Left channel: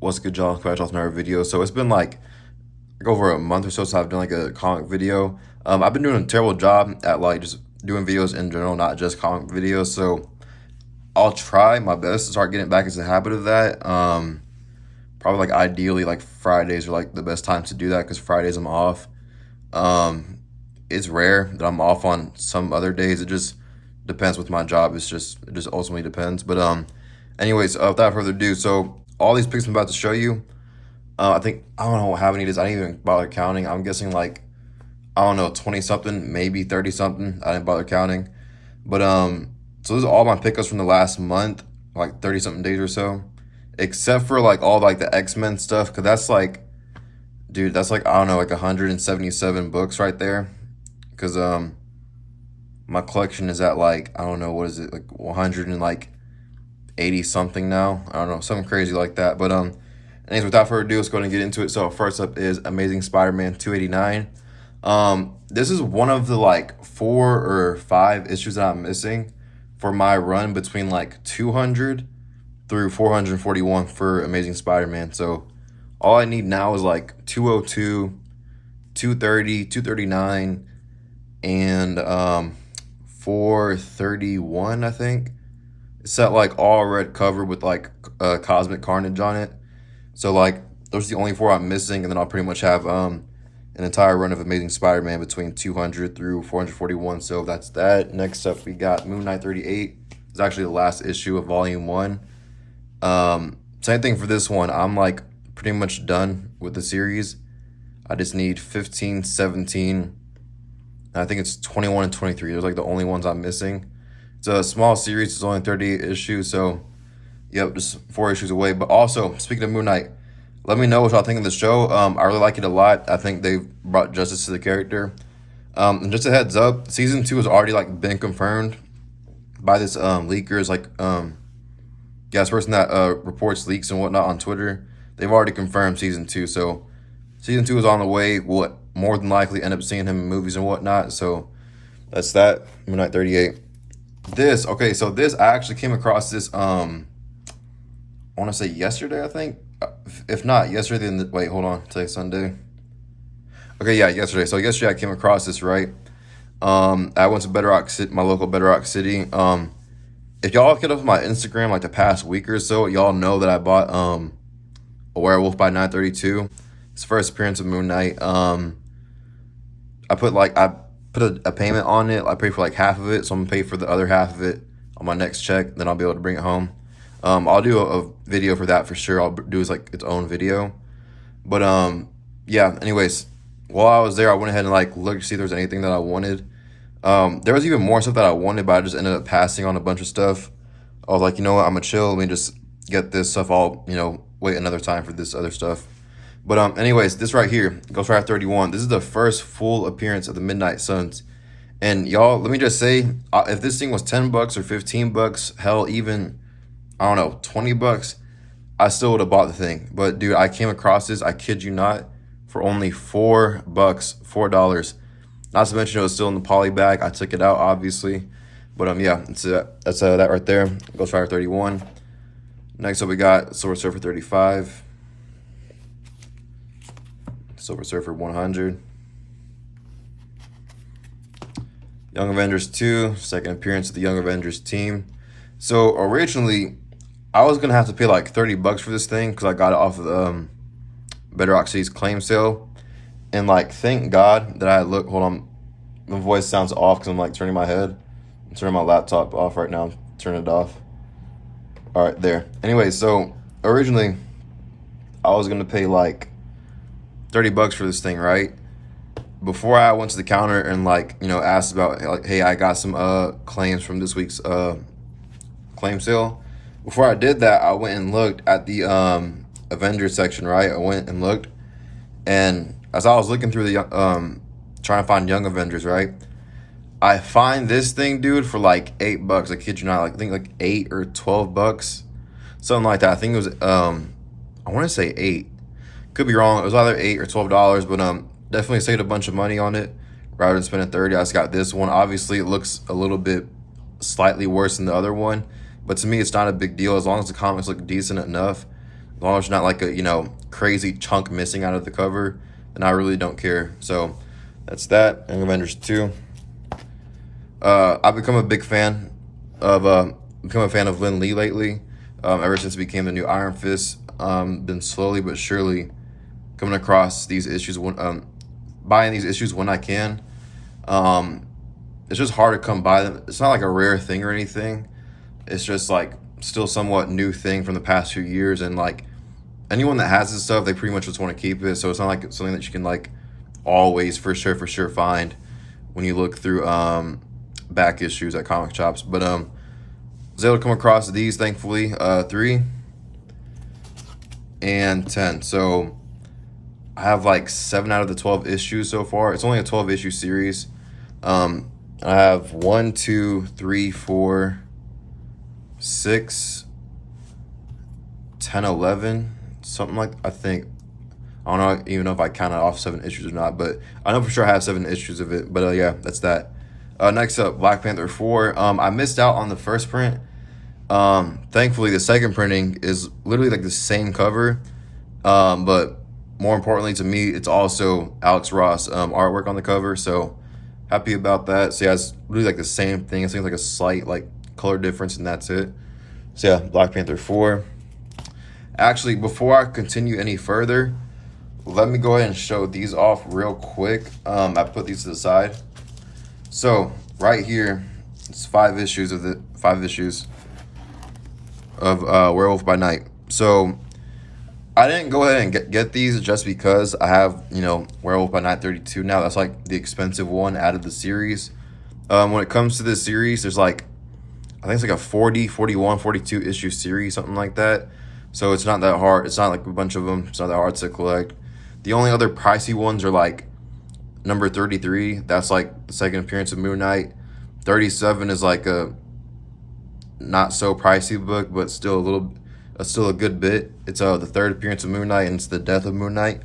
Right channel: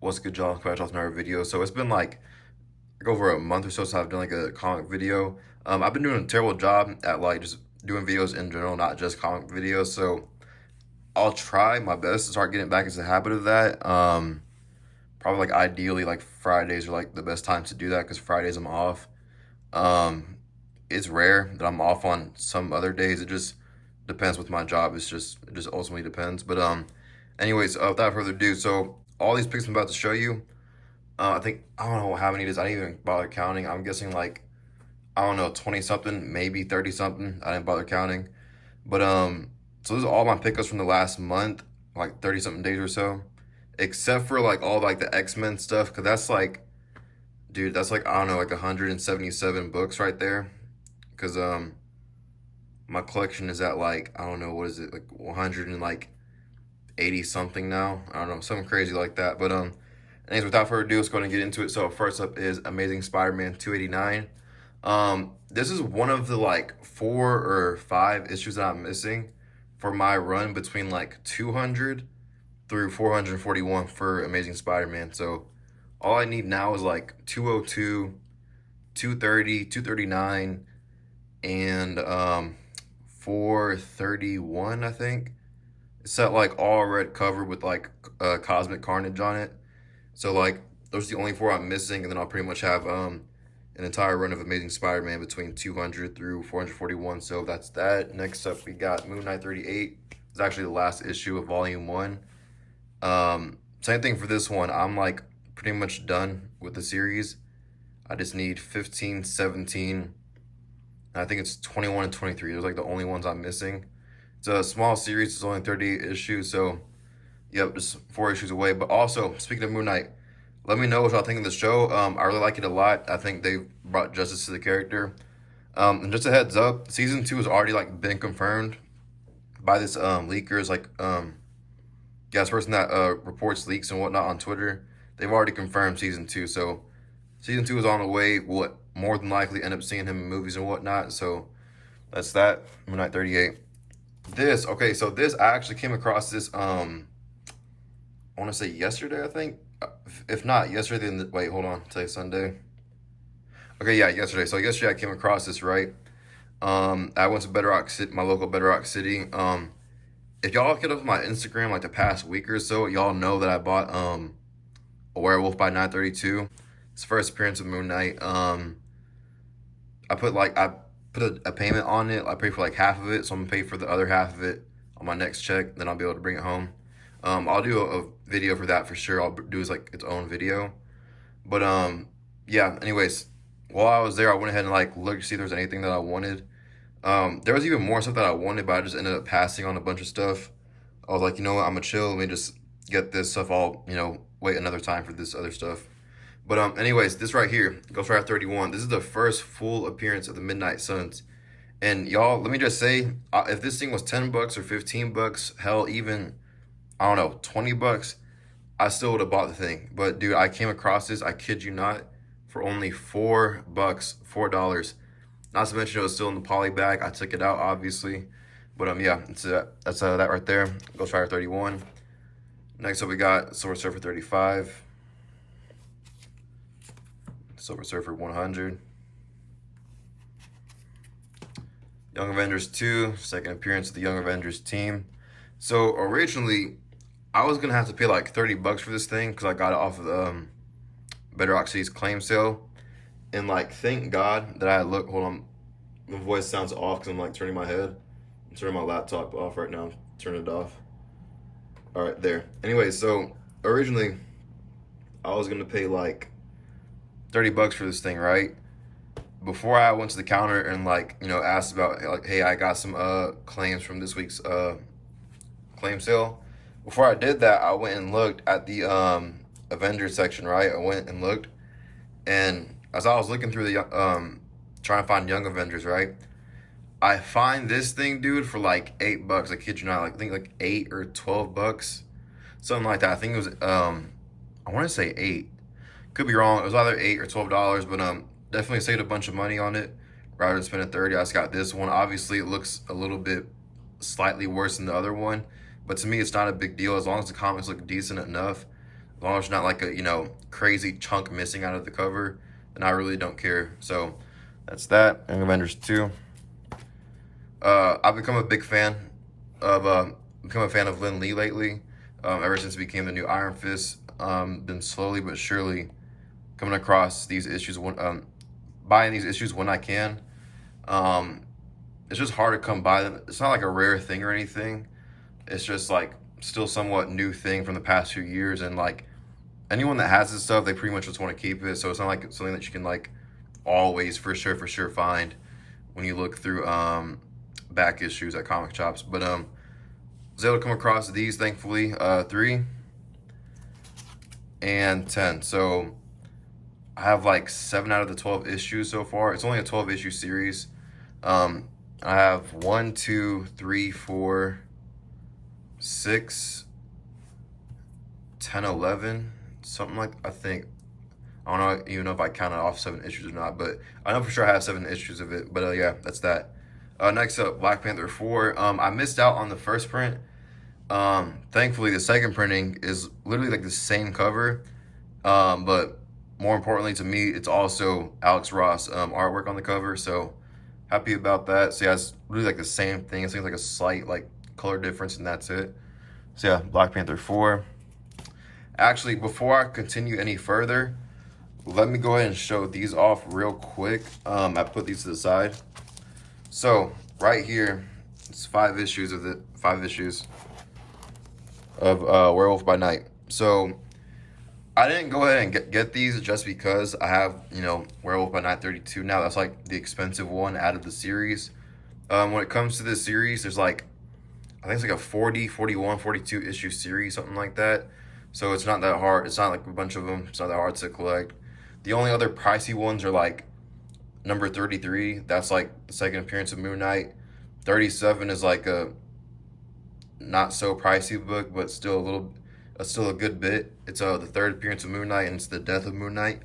What's good, y'all? Back with another video. So it's been like over a month or so since I've done like a comic video. I've been doing a terrible job at like just doing videos in general, not just comic videos. So I'll try my best to start getting back into the habit of that. Probably like ideally like Fridays are like the best time to do that because Fridays I'm off. Um, it's rare that I'm off on some other days. It just depends with my job. It just ultimately depends. But anyways, without further ado, so all these pics I'm about to show you. I think I don't know how many it is. I didn't even bother counting. I'm guessing like I don't know 20 something, maybe 30 something. I didn't bother counting. But so this is all my pickups from the last month, like 30 something days or so, except for like all like the X-Men stuff, because that's like, dude, that's like I don't know, like 177 books right there. Because my collection is at like I don't know what is it like 100 and like 80 something now. I don't know, something crazy like that. But anyways, without further ado, let's go ahead and get into it. So first up is Amazing Spider-Man 289. This is one of the like 4 or 5 issues that I'm missing for my run between like 200 through 441 for Amazing Spider-Man. So all I need now is like 202, 230, 239, and 431, I think. It's that like all red cover with like Cosmic Carnage on it. So like those are the only 4 I'm missing, and then I'll pretty much have an entire run of Amazing Spider-Man between 200 through 441. So that's that. Next up, we got Moon Knight 38. It's actually the last issue of Volume 1. Same thing for this one. I'm like pretty much done with the series. I just need 15, 17, and I think it's 21 and 23. Those are like the only ones I'm missing. It's a small series. It's only 38 issues, so yep, just 4 issues away. But also, speaking of Moon Knight, let me know what y'all think of the show. I really like it a lot. I think they've brought justice to the character. And just a heads up, season 2 has already like been confirmed by this leakers, like yeah, this person that reports leaks and whatnot on Twitter. They've already confirmed season 2, so season 2 is on the way. What more than likely end up seeing him in movies and whatnot. So that's that. Moon Knight 38. This okay, so this I actually came across this I want to say yesterday, I think. If not yesterday, then wait, hold on. Today's Sunday. Okay, yeah, yesterday. So yesterday I came across this, right? I went to Bedrock City, my local Bedrock City. If y'all look it up on my Instagram like the past week or so, y'all know that I bought a Werewolf by 932. It's the first appearance of Moon Knight. I put a payment on it. I paid for like half of it, so I'm gonna pay for the other half of it on my next check. Then I'll be able to bring it home. I'll do a video for that for sure. I'll do as like its own video. But yeah. Anyways, while I was there, I went ahead and like looked to see if there was anything that I wanted. There was even more stuff that I wanted, but I just ended up passing on a bunch of stuff. I was like, you know what, I'm gonna chill. Let me just get this stuff. I'll wait another time for this other stuff. But anyways, this right here, Ghost Rider 31. This is the first full appearance of the Midnight Suns. And y'all, let me just say, if this thing was $10 or $15, hell, even I don't know, $20, I still would have bought the thing. But dude, I came across this, I kid you not, for only $4, $4. Not to mention it was still in the poly bag. I took it out, obviously. But yeah, that's that right there. Ghost Rider 31. Next up, we got Silver Surfer 35. Silver Surfer 100. Young Avengers 2, second appearance of the Young Avengers team. So originally, I was gonna have to pay like $30 for this thing because I got it off of Bedrock City's claim sale. And like, thank God that I look. Hold on, my voice sounds off because I'm like turning my head. I'm turning my laptop off right now. Turn it off. All right, there. Anyway, so originally, I was gonna pay like $30 for this thing, right? Before I went to the counter and like asked about like, hey, I got some claims from this week's claim sale. Before I did that, I went and looked at the Avengers section, right? I went and looked, and as I was looking through the trying to find Young Avengers, right? I find this thing, dude, for like $8. I kid you not, like I think like $8 or $12, something like that. I think it was I want to say 8. Could be wrong. It was either $8 or $12, but definitely saved a bunch of money on it rather than spending 30. I just got this one. Obviously, it looks a little bit slightly worse than the other one, but to me, it's not a big deal as long as the comics look decent enough. As long as it's not like a, crazy chunk missing out of the cover, then I really don't care. So that's that. Young Avengers 2. I've become a big fan of Lin Lee lately. Ever since he became the new Iron Fist, been slowly but surely coming across these issues, buying these issues when I can. It's just hard to come by them. It's not like a rare thing or anything. It's just like still somewhat new thing from the past few years, and like anyone that has this stuff, they pretty much just want to keep it. So it's not like something that you can like always for sure find when you look through back issues at comic shops. But I was able to come across these, thankfully, 3 and 10. So I have like 7 out of the 12 issues so far. It's only a 12 issue series. I have 1, 2, 3, 4, 6, 10, 11, something like, I think. I don't even know if I counted off 7 issues or not, but I know for sure I have 7 issues of it. But yeah, that's that. Next up, Black Panther 4. I missed out on the first print. Thankfully, the second printing is literally like the same cover, but more importantly to me, it's also Alex Ross artwork on the cover. So happy about that. So yeah, it's really like the same thing. It's like a slight like color difference, and that's it. So yeah, Black Panther 4. Actually, before I continue any further, let me go ahead and show these off real quick. I put these to the side. So right here, it's 5 issues of Werewolf by Night. So I didn't go ahead and get these just because I have, Werewolf by Night 32 now. That's like the expensive one out of the series. When it comes to this series, there's like, I think it's like a 40, 41, 42 issue series, something like that. So it's not that hard. It's not like a bunch of them. It's not that hard to collect. The only other pricey ones are like number 33. That's like the second appearance of Moon Knight. 37 is like a not so pricey book, but still a good bit. It's the third appearance of Moon Knight, and it's the death of Moon Knight.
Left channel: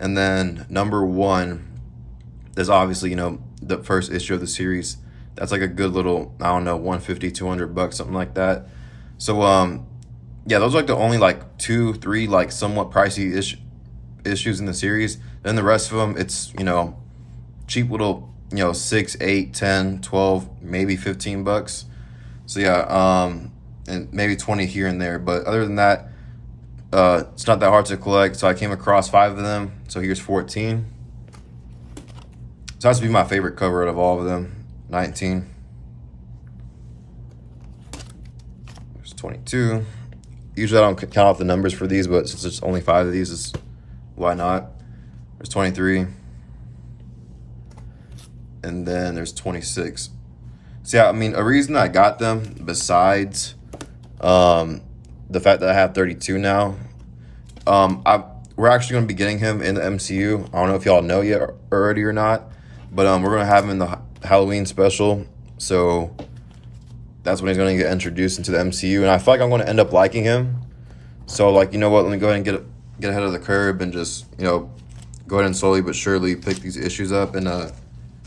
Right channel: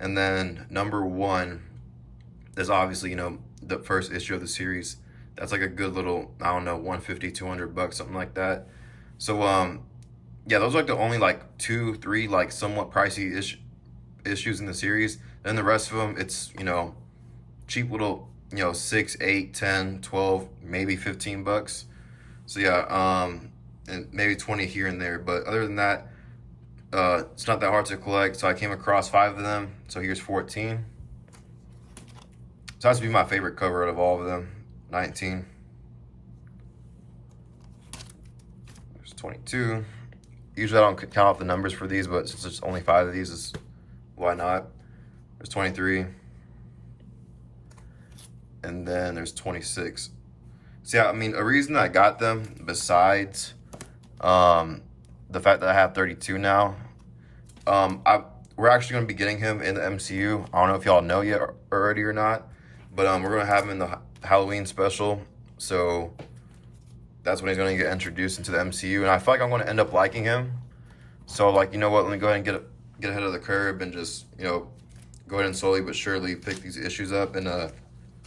And then number 1 is obviously, the first issue of the series. That's like a good little, I don't know, 150, $200, something like that. So yeah, those are like the only like 2, 3 like somewhat pricey issues in the series. Then the rest of them, it's, cheap little, 6, 8, 10, 12, maybe $15. So yeah, and maybe 20 here and there. But other than that, it's not that hard to collect. So I came across 5 of them. So here's 14. So that's to be my favorite cover out of all of them. 19. There's 22. Usually I don't count off the numbers for these, but since there's only 5 of these, why not? There's 23. And then there's 26. So yeah, I mean, a reason I got them, besides the fact that I have 32 now, we're actually going to be getting him in the MCU. I don't know if y'all know yet already or not, but we're going to have him in the Halloween special. So that's when he's going to get introduced into the MCU, and I feel like I'm going to end up liking him. So like, you know what? Let me go ahead and get ahead of the curve and just, go ahead and slowly but surely pick these issues up and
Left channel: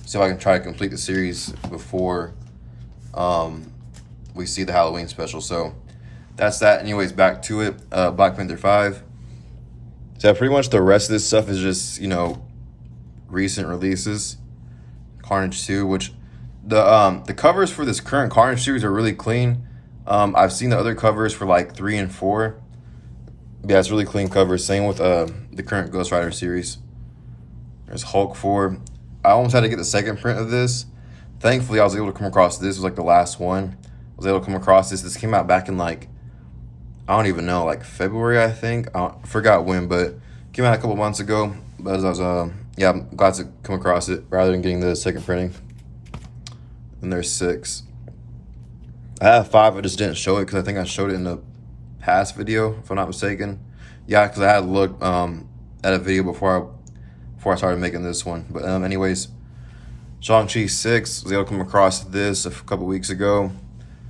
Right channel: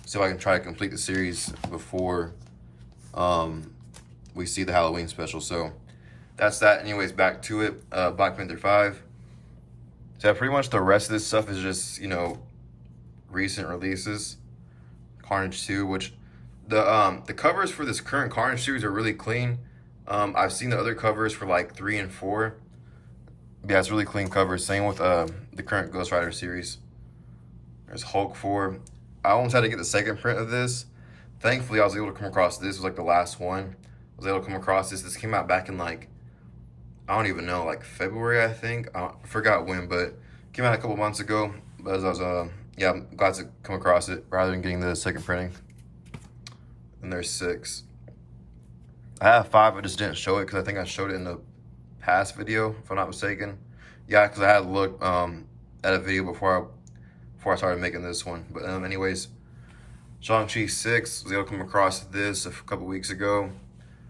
see if I can try to complete the series before we see the Halloween special. So that's that. Anyways, back to it. Black Panther 5. So pretty much the rest of this stuff is just, recent releases. Carnage 2, which the covers for this current Carnage series are really clean. I've seen the other covers for like 3 and 4. Yeah, it's really clean covers. Same with the current Ghost Rider series. There's Hulk 4. I almost had to get the second print of this. Thankfully, I was able to come across this. It was like the last one. I was able to come across this. This came out back in like, I don't even know, like February, I think. I forgot when, but it came out a couple months ago. But as I was, yeah, I'm glad to come across it rather than getting the second printing. And there's 6. I have 5. I just didn't show it because I think I showed it in the past video, if I'm not mistaken. Yeah, because I had looked at a video before I started making this one. But anyways, Shang-Chi 6, was able to come across this a couple weeks ago.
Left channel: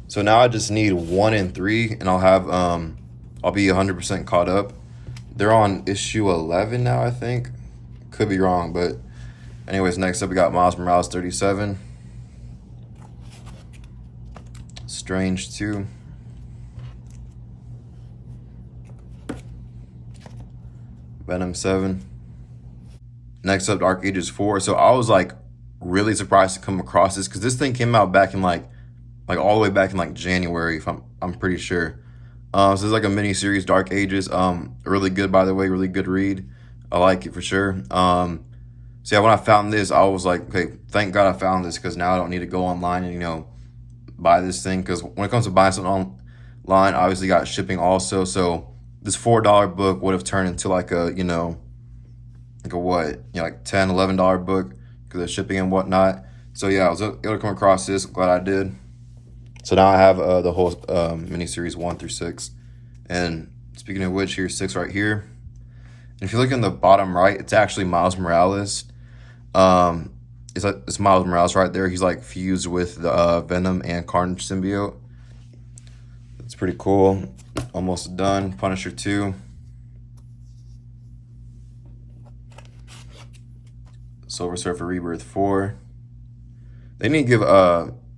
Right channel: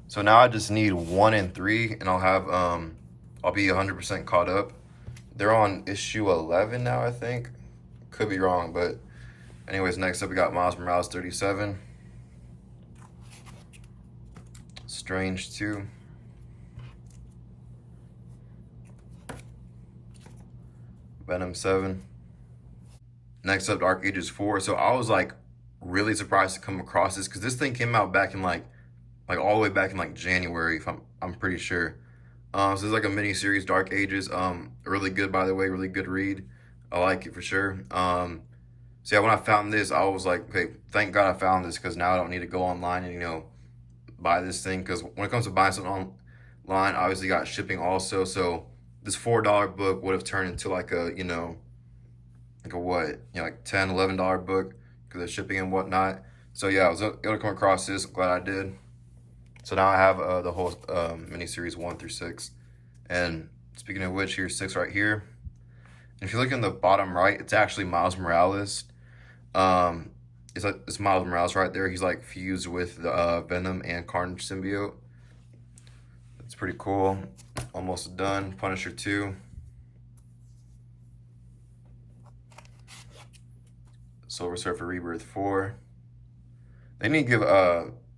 So now I just need 1 and 3, and I'll have I'll be 100% caught up. They're on issue 11 now, I think. Could be wrong, but anyways, next up we got Miles Morales 37. Strange 2. Venom 7. Next up, Dark Ages 4. So I was like really surprised to come across this because this thing came out back in like all the way back in like January, if I'm pretty sure. So it's like a mini series, Dark Ages. Really good, by the way, really good read. I like it for sure. So yeah, when I found this, I was like, okay, thank God I found this because now I don't need to go online and buy this thing. Because when it comes to buying something online, obviously got shipping also. So this $4 book would have turned into like a like a what like $10, $11 book because of shipping and whatnot. So yeah, I was able to come across this. I'm glad I did. So now I have the whole miniseries 1 through 6. And speaking of which, here's 6 right here. And if you look in the bottom right, it's actually Miles Morales. Um, it's Miles Morales right there. He's like fused with the Venom and Carnage symbiote. It's pretty cool. Almost done. Punisher 2. Silver Surfer Rebirth 4. They need to give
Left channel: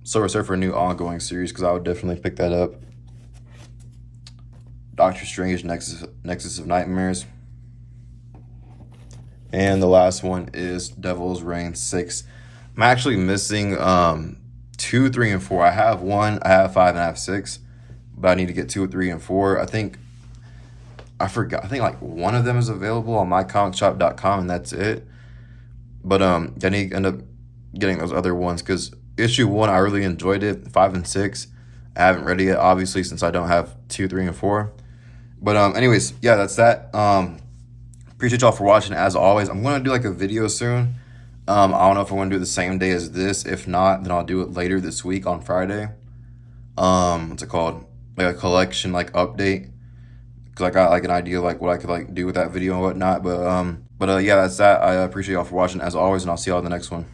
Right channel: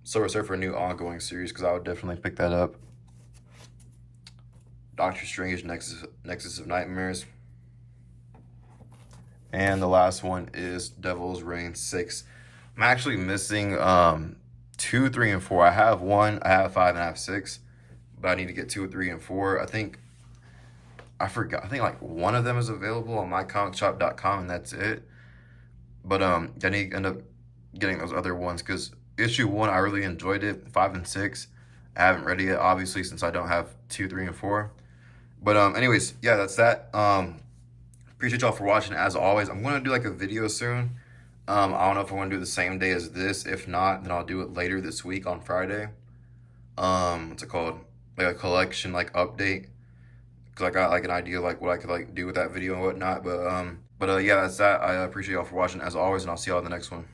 Silver Surfer a new ongoing series because I would definitely pick that up. Doctor Strange Nexus of Nightmares. And the last one is Devil's Reign 6. I'm actually missing 2, 3, and 4. I have 1, I have 5, and I have 6. But I need to get 2, 3, and 4. I forgot. I think like one of them is available on mycomicshop.com, and that's it. But I need to end up getting those other ones because issue 1, I really enjoyed it. 5 and 6, I haven't read it yet, obviously, since I don't have 2, 3, and 4. But anyways, yeah, that's that. Appreciate y'all for watching. As always, I'm gonna do like a video soon. I don't know if I want to do it the same day as this. If not, then I'll do it later this week on Friday. What's it called? Like a collection like update. Cause I got like an idea like what I could like do with that video and whatnot. But yeah, that's that. I appreciate y'all for watching as always, and I'll see y'all in the next one.